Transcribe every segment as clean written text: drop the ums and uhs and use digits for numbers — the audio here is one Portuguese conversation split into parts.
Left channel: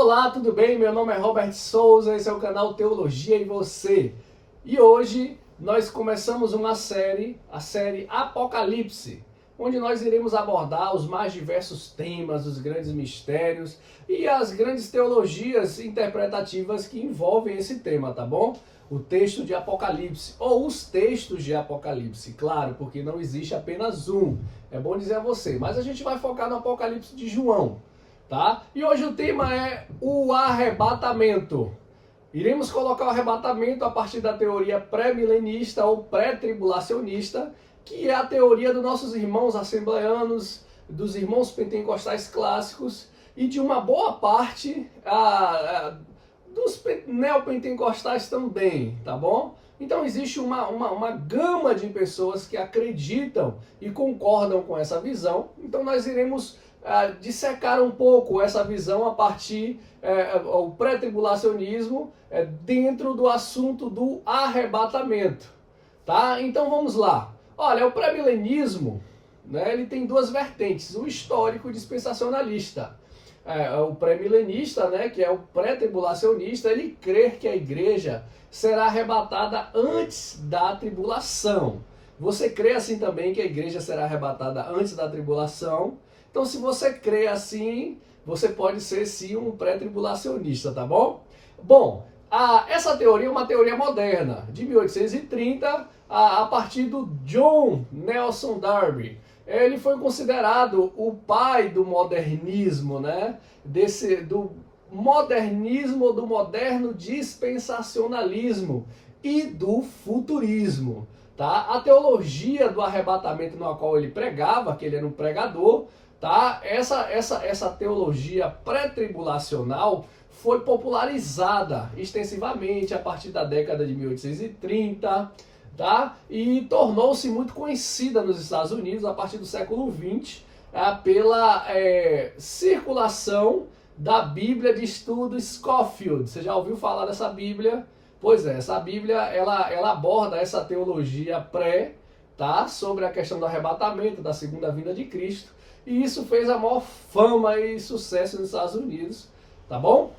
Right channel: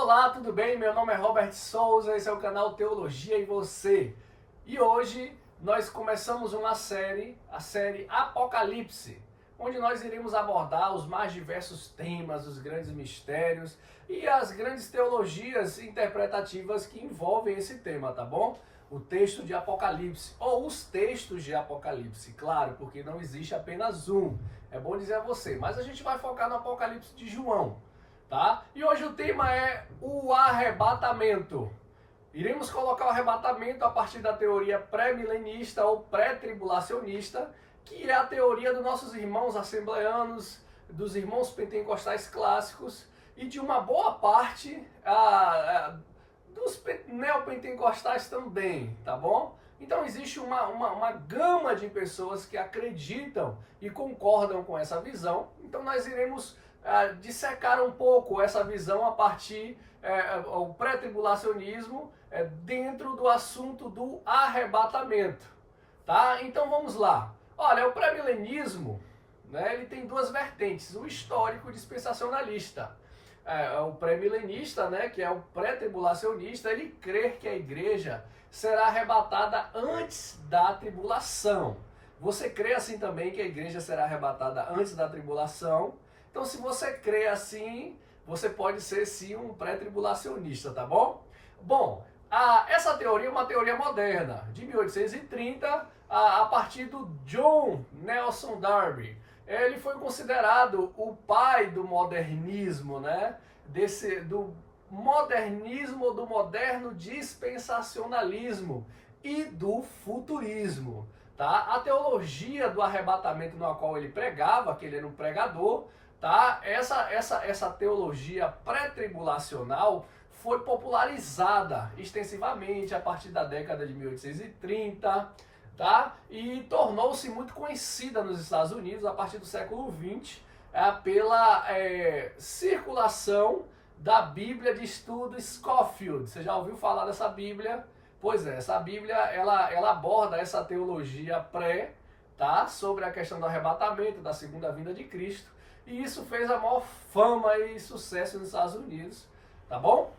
Olá, tudo bem? Meu nome é Robert Souza, esse é o canal Teologia e Você. E hoje nós começamos uma série, a série Apocalipse, onde nós iremos abordar os mais diversos temas, os grandes mistérios e as grandes teologias interpretativas que envolvem esse tema, tá bom? O texto de Apocalipse, ou os textos de Apocalipse, claro, porque não existe apenas um. É bom dizer a você, mas a gente vai focar no Apocalipse de João. Tá? E hoje o tema é o arrebatamento. Iremos colocar o arrebatamento a partir da teoria pré-milenista ou pré-tribulacionista, que é a teoria dos nossos irmãos assembleanos, dos irmãos pentecostais clássicos e de uma boa parte dos neopentecostais também, tá bom? Então existe uma gama de pessoas que acreditam e concordam com essa visão. Então nós iremos dissecar um pouco essa visão a partir do pré-tribulacionismo dentro do assunto do arrebatamento, tá? Então vamos lá. Olha, o pré-milenismo, né, ele tem duas vertentes, o histórico dispensacionalista. O pré-milenista, né, que é o pré-tribulacionista, ele crê que a igreja será arrebatada antes da tribulação. Você crê assim também que a igreja será arrebatada antes da tribulação? Então, se você crê assim, você pode ser sim um pré-tribulacionista, tá bom? Bom, essa teoria é uma teoria moderna, de 1830, a partir do John Nelson Darby. Ele foi considerado o pai do modernismo, né? Do modernismo, do moderno dispensacionalismo e do futurismo. Tá? A teologia do arrebatamento na qual ele pregava, que ele era um pregador, tá? Essa teologia pré-tribulacional foi popularizada extensivamente a partir da década de 1830, tá? E tornou-se muito conhecida nos Estados Unidos a partir do século XX pela circulação da Bíblia de Estudo Scofield. Você já ouviu falar dessa Bíblia? Pois é, essa Bíblia ela aborda essa teologia pré, tá? Sobre a questão do arrebatamento, da segunda vinda de Cristo. E isso fez a maior fama e sucesso nos Estados Unidos, tá bom?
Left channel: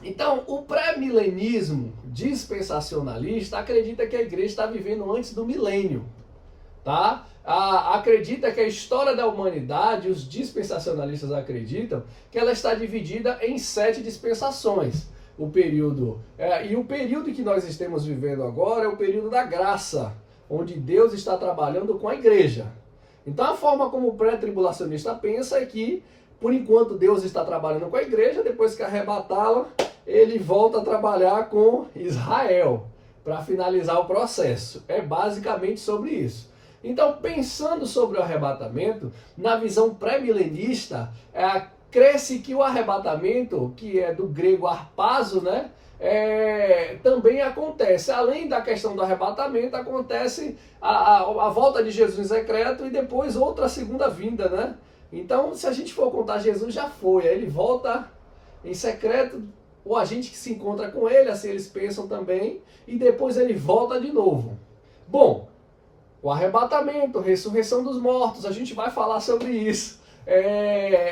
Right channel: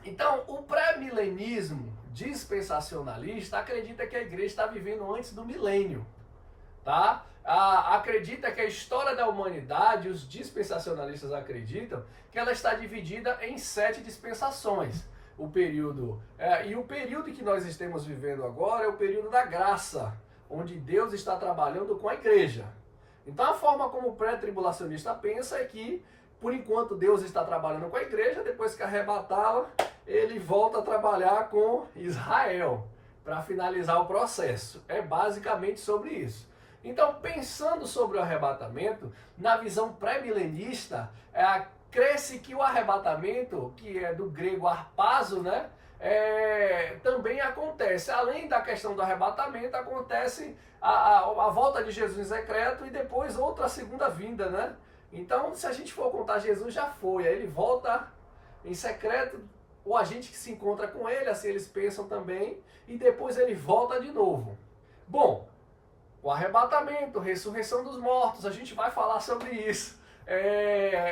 Então, o pré-milenismo dispensacionalista acredita que a igreja está vivendo antes do milênio, tá? Acredita que a história da humanidade, os dispensacionalistas acreditam que ela está dividida em 7 dispensações. O período que nós estamos vivendo agora é o período da graça, onde Deus está trabalhando com a igreja. Então a forma como o pré-tribulacionista pensa é que, por enquanto, Deus está trabalhando com a igreja, depois que arrebatá-la, ele volta a trabalhar com Israel, para finalizar o processo. É basicamente sobre isso. Então, pensando sobre o arrebatamento, na visão pré-milenista, crê-se que o arrebatamento, que é do grego harpazo, né? Também acontece, além da questão do arrebatamento, acontece a volta de Jesus em secreto e depois outra segunda vinda, né? Então, se a gente for contar, Jesus já foi, aí ele volta em secreto, ou a gente que se encontra com ele, assim eles pensam também, e depois ele volta de novo. Bom, o arrebatamento, ressurreição dos mortos, a gente vai falar sobre isso.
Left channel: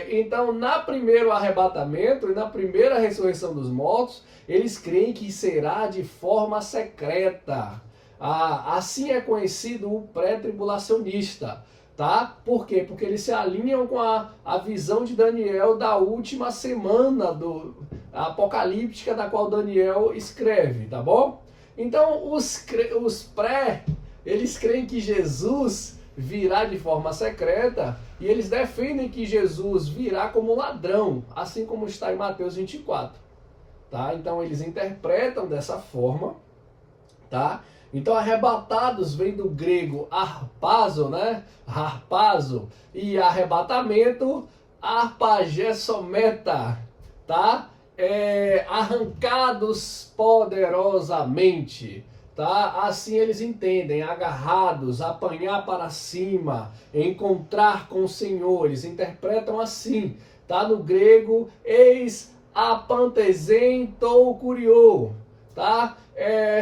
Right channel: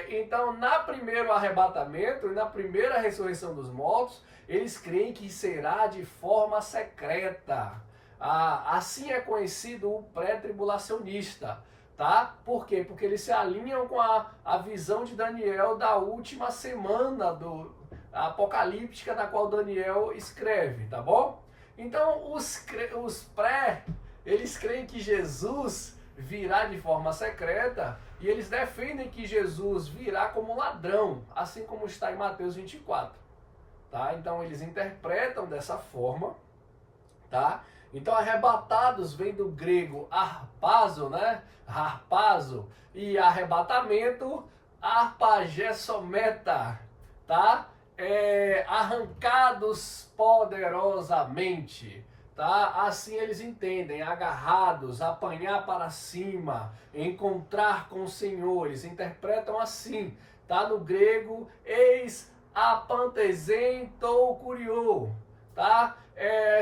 Então, no primeiro arrebatamento e na primeira ressurreição dos mortos, eles creem que será de forma secreta. Assim é conhecido o pré-tribulacionista. Tá? Por quê? Porque eles se alinham com a visão de Daniel da última semana apocalíptica da qual Daniel escreve, tá bom? Então, os pré, eles creem que Jesus virá de forma secreta e eles defendem que Jesus virá como ladrão, assim como está em Mateus 24, tá? Então eles interpretam dessa forma, tá? Então arrebatados vem do grego harpazo, né? Harpazo, e arrebatamento, arpagessometa, tá? Arrancados poderosamente. Tá? Assim eles entendem, agarrados, apanhar para cima, encontrar com o Senhor, eles interpretam assim, tá? No grego, eis apantesen tou kuriou, tá?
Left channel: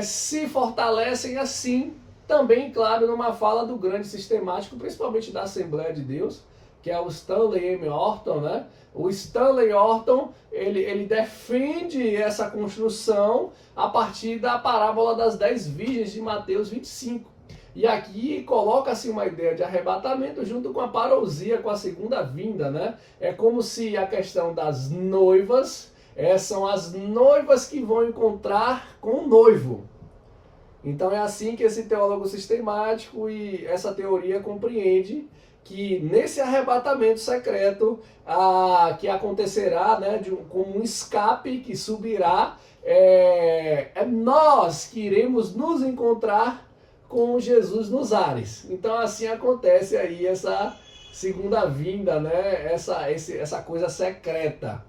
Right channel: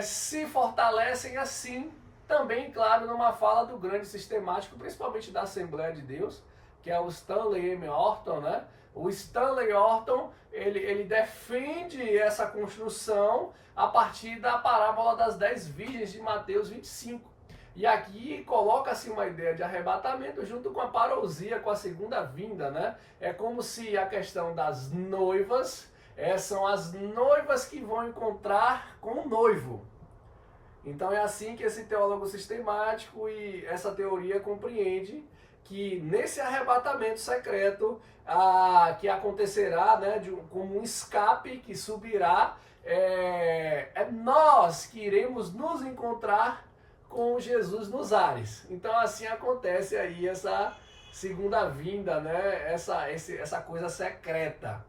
Se fortalecem assim, também, claro, numa fala do grande sistemático, principalmente da Assembleia de Deus, que é o Stanley M. Orton, né? O Stanley Orton, ele defende essa construção a partir da parábola das 10 virgens de Mateus 25. E aqui coloca-se uma ideia de arrebatamento junto com a parousia, com a segunda vinda, né? É como se a questão das noivas, são as noivas que vão encontrar com o noivo. Então é assim que esse teólogo sistemático e essa teoria compreende que nesse arrebatamento secreto que acontecerá, né, como um escape que subirá, nós que iremos nos encontrar com Jesus nos ares. Então assim acontece aí essa segunda vinda, né, essa coisa secreta.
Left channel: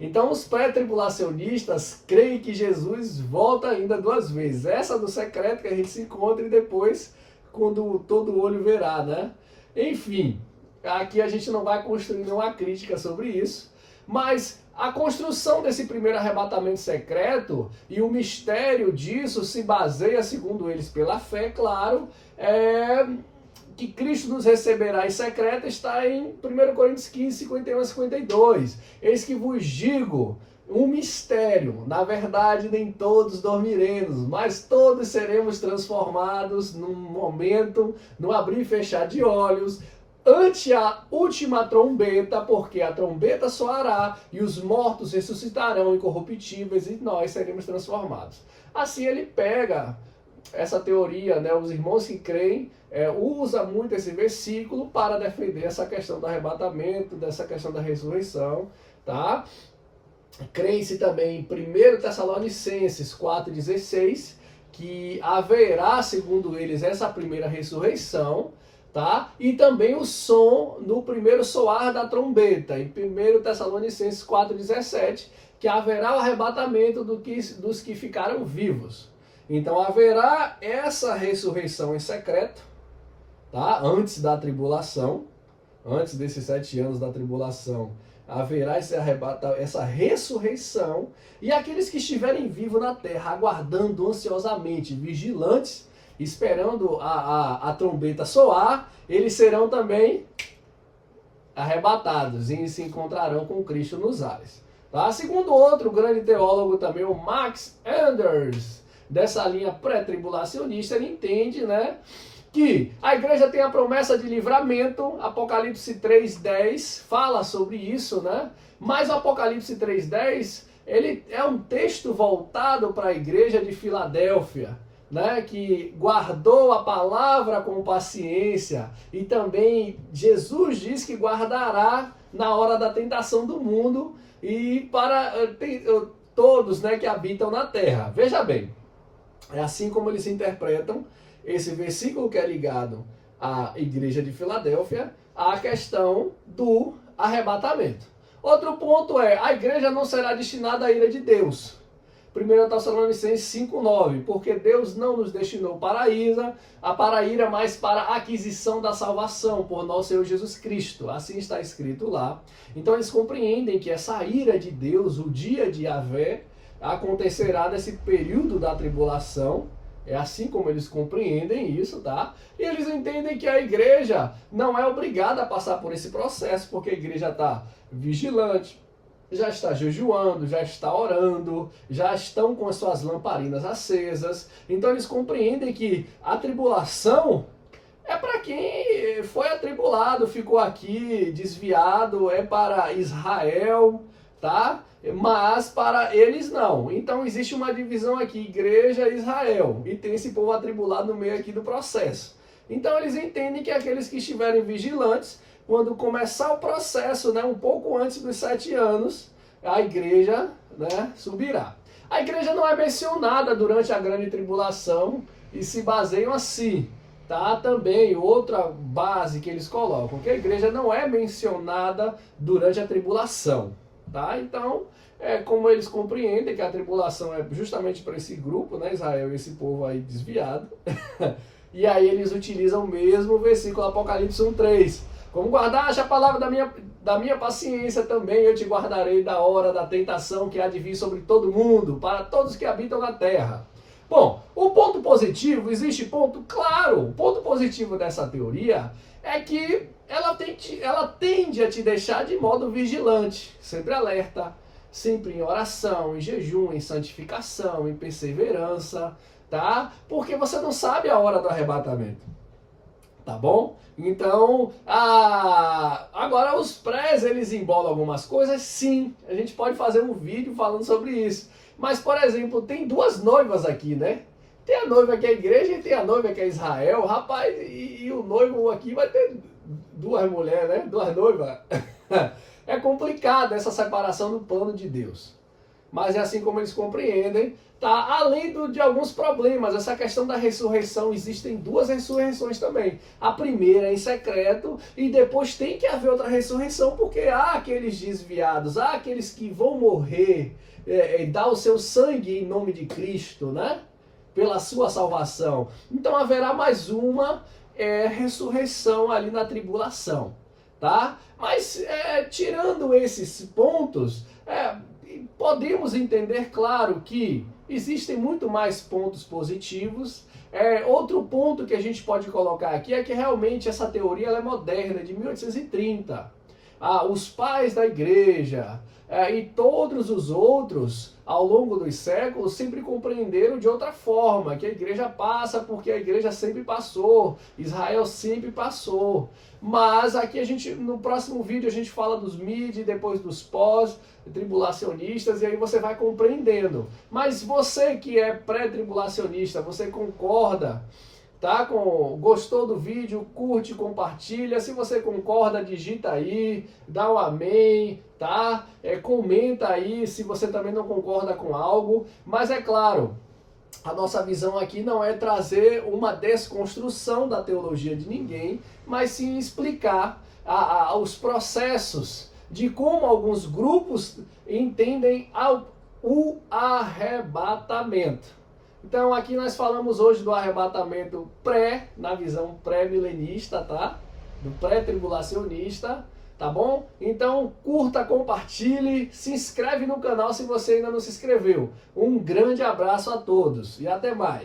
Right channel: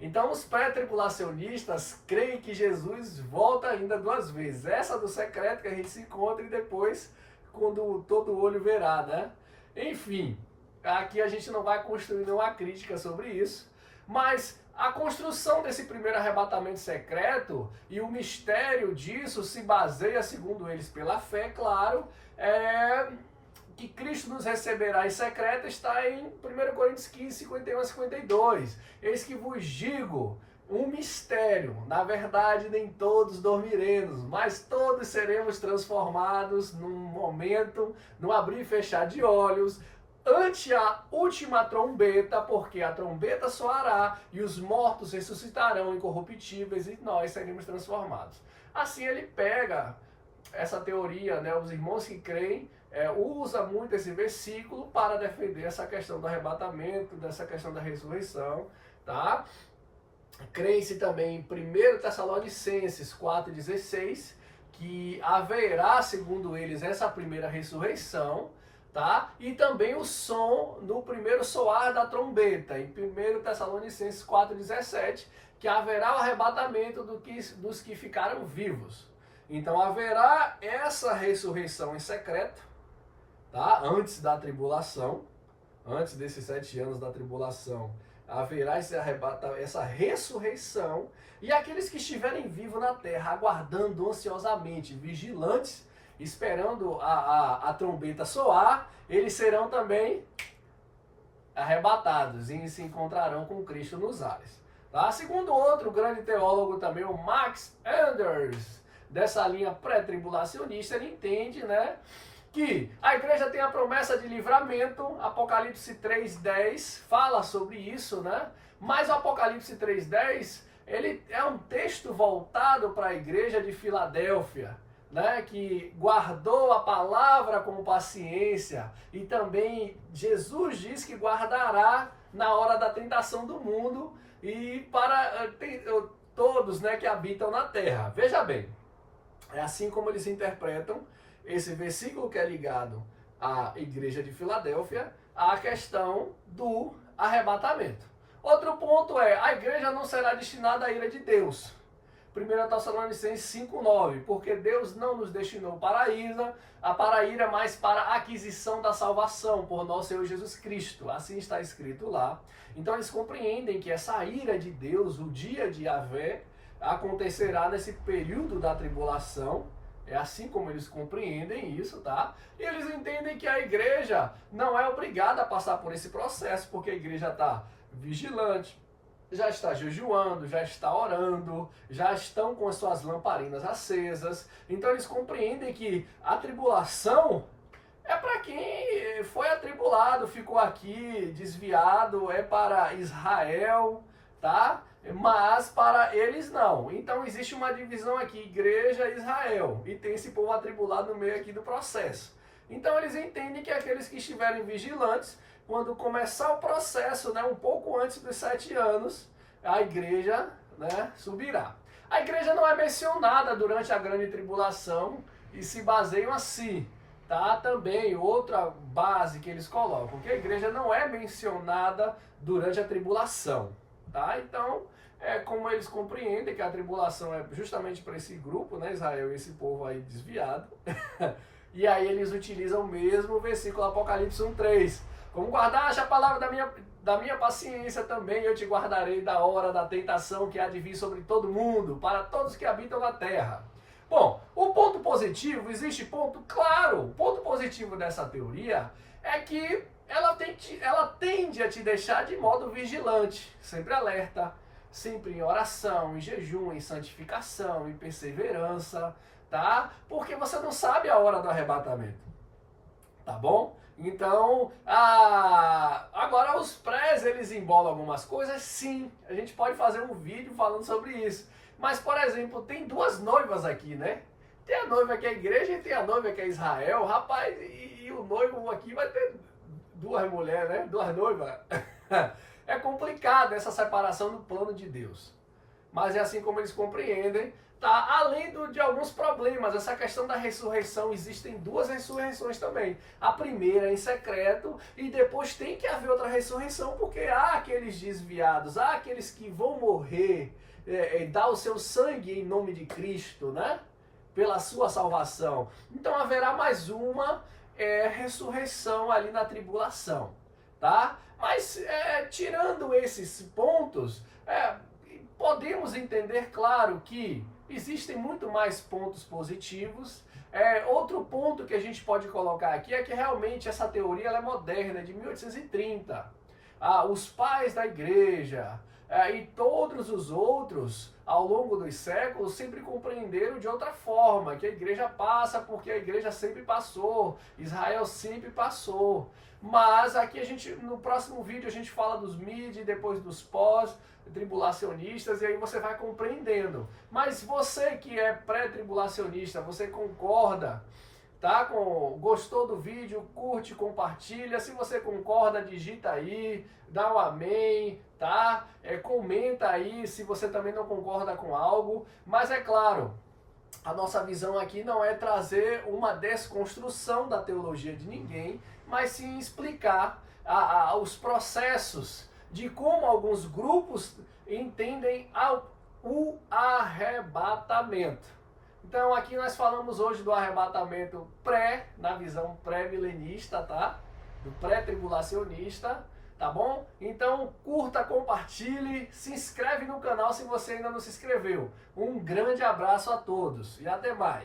Então os pré-tribulacionistas creem que Jesus volta ainda 2 vezes. Essa do secreto que a gente se encontra e depois quando todo olho verá, né? Enfim, aqui a gente não vai construir nenhuma crítica sobre isso, mas a construção desse primeiro arrebatamento secreto e o mistério disso se baseia, segundo eles, pela fé, claro, que Cristo nos receberá em secreto está em 1 Coríntios 15, 51 a 52. Eis que vos digo um mistério, na verdade nem todos dormiremos, mas todos seremos transformados num momento, no abrir e fechar de olhos, ante a última trombeta, porque a trombeta soará e os mortos ressuscitarão incorruptíveis e nós seremos transformados. Assim ele pega essa teoria, né, os irmãos que creem, usa muito esse versículo para defender essa questão do arrebatamento, dessa questão da ressurreição, tá? Crê-se também em 1 Tessalonicenses 4,16, que haverá, segundo eles, essa primeira ressurreição, tá? E também o som no primeiro soar da trombeta, em 1 Tessalonicenses 4,17, que haverá o arrebatamento dos que ficaram vivos. Então haverá essa ressurreição em secreto, tá? Antes da tribulação, antes desses 7 anos da tribulação, haverá essa ressurreição, e aqueles que estiverem vivos na terra, aguardando ansiosamente, vigilantes, esperando a trombeta soar, eles serão também arrebatados e se encontrarão com Cristo nos ares. Tá? Segundo outro grande teólogo também, o Max Anders, dessa linha pré-tribulacionista, ele entende, né, que a igreja tem a promessa de livramento. Apocalipse 3:10 fala sobre isso, né? Mas o Apocalipse 3:10, ele é um texto voltado para a igreja de Filadélfia, né? Que guardou a palavra com paciência, e também Jesus diz que guardará na hora da tentação do mundo e para todos, né, que habitam na terra. Veja bem, é assim como eles interpretam esse versículo que é ligado à igreja de Filadélfia, à questão do arrebatamento. Outro ponto a igreja não será destinada à ira de Deus. 1 Tessalonicenses 5:9, porque Deus não nos destinou para a ira, mas para a aquisição da salvação por nosso Senhor Jesus Cristo. Assim está escrito lá. Então eles compreendem que essa ira de Deus, o dia de Yahvé, acontecerá nesse período da tribulação. É assim como eles compreendem isso, tá? E eles entendem que a igreja não é obrigada a passar por esse processo, porque a igreja está vigilante, já está jejuando, já está orando, já estão com as suas lamparinas acesas. Então eles compreendem que a tribulação é para quem foi atribulado, ficou aqui desviado, é para Israel, tá? Mas para eles não. Então existe uma divisão aqui, igreja e Israel, e tem esse povo atribulado no meio aqui do processo. Então eles entendem que aqueles que estiverem vigilantes, quando começar o processo, né, um pouco antes dos 7 anos, a igreja, né, subirá. A igreja não é mencionada durante a grande tribulação e se baseiam assim, tá? Também outra base que eles colocam, que a igreja não é mencionada durante a tribulação. Tá? Então, como eles compreendem que a tribulação é justamente para esse grupo, né, Israel e esse povo aí desviado, e aí eles utilizam o mesmo versículo Apocalipse 1:3. Como guardaste a palavra da minha paciência, também eu te guardarei da hora da tentação que há de vir sobre todo mundo, para todos que habitam na terra. Bom, o ponto positivo, existe ponto? Claro, o ponto positivo dessa teoria é que ela tende a te deixar de modo vigilante, sempre alerta, sempre em oração, em jejum, em santificação, em perseverança, tá? Porque você não sabe a hora do arrebatamento, tá bom? Então, agora os prés, eles embolam algumas coisas, sim, a gente pode fazer um vídeo falando sobre isso. Mas, por exemplo, tem duas noivas aqui, né? Tem a noiva que é a igreja e tem a noiva que é Israel. Rapaz, e o noivo aqui vai ter duas mulheres, né? Duas noivas. É complicado essa separação do plano de Deus. Mas é assim como eles compreendem, tá? Além de alguns problemas, essa questão da ressurreição, existem duas ressurreições também. A primeira é em secreto e depois tem que haver outra ressurreição, porque há aqueles desviados, há aqueles que vão morrer, dar o seu sangue em nome de Cristo, né? Pela sua salvação. Então haverá mais uma ressurreição ali na tribulação, tá? Mas tirando esses pontos, podemos entender, claro, que existem muito mais pontos positivos. Outro ponto que a gente pode colocar aqui é que realmente essa teoria ela é moderna, de 1830. Os pais da igreja e todos os outros, ao longo dos séculos, sempre compreenderam de outra forma, que a igreja passa porque a igreja sempre passou, Israel sempre passou. Mas aqui no próximo vídeo a gente fala dos mid, depois dos pós-tribulacionistas, e aí você vai compreendendo. Mas você que é pré-tribulacionista, você concorda? Tá? Gostou do vídeo? Curte, compartilha. Se você concorda, digita aí, dá um amém, tá? Comenta aí se você também não concorda com algo. Mas é claro, a nossa visão aqui não é trazer uma desconstrução da teologia de ninguém, mas sim explicar os processos de como alguns grupos entendem o arrebatamento. Então aqui nós falamos hoje do arrebatamento na visão pré-milenista, tá? Do pré-tribulacionista, tá bom? Então curta, compartilhe, se inscreve no canal se você ainda não se inscreveu. Um grande abraço a todos e até mais.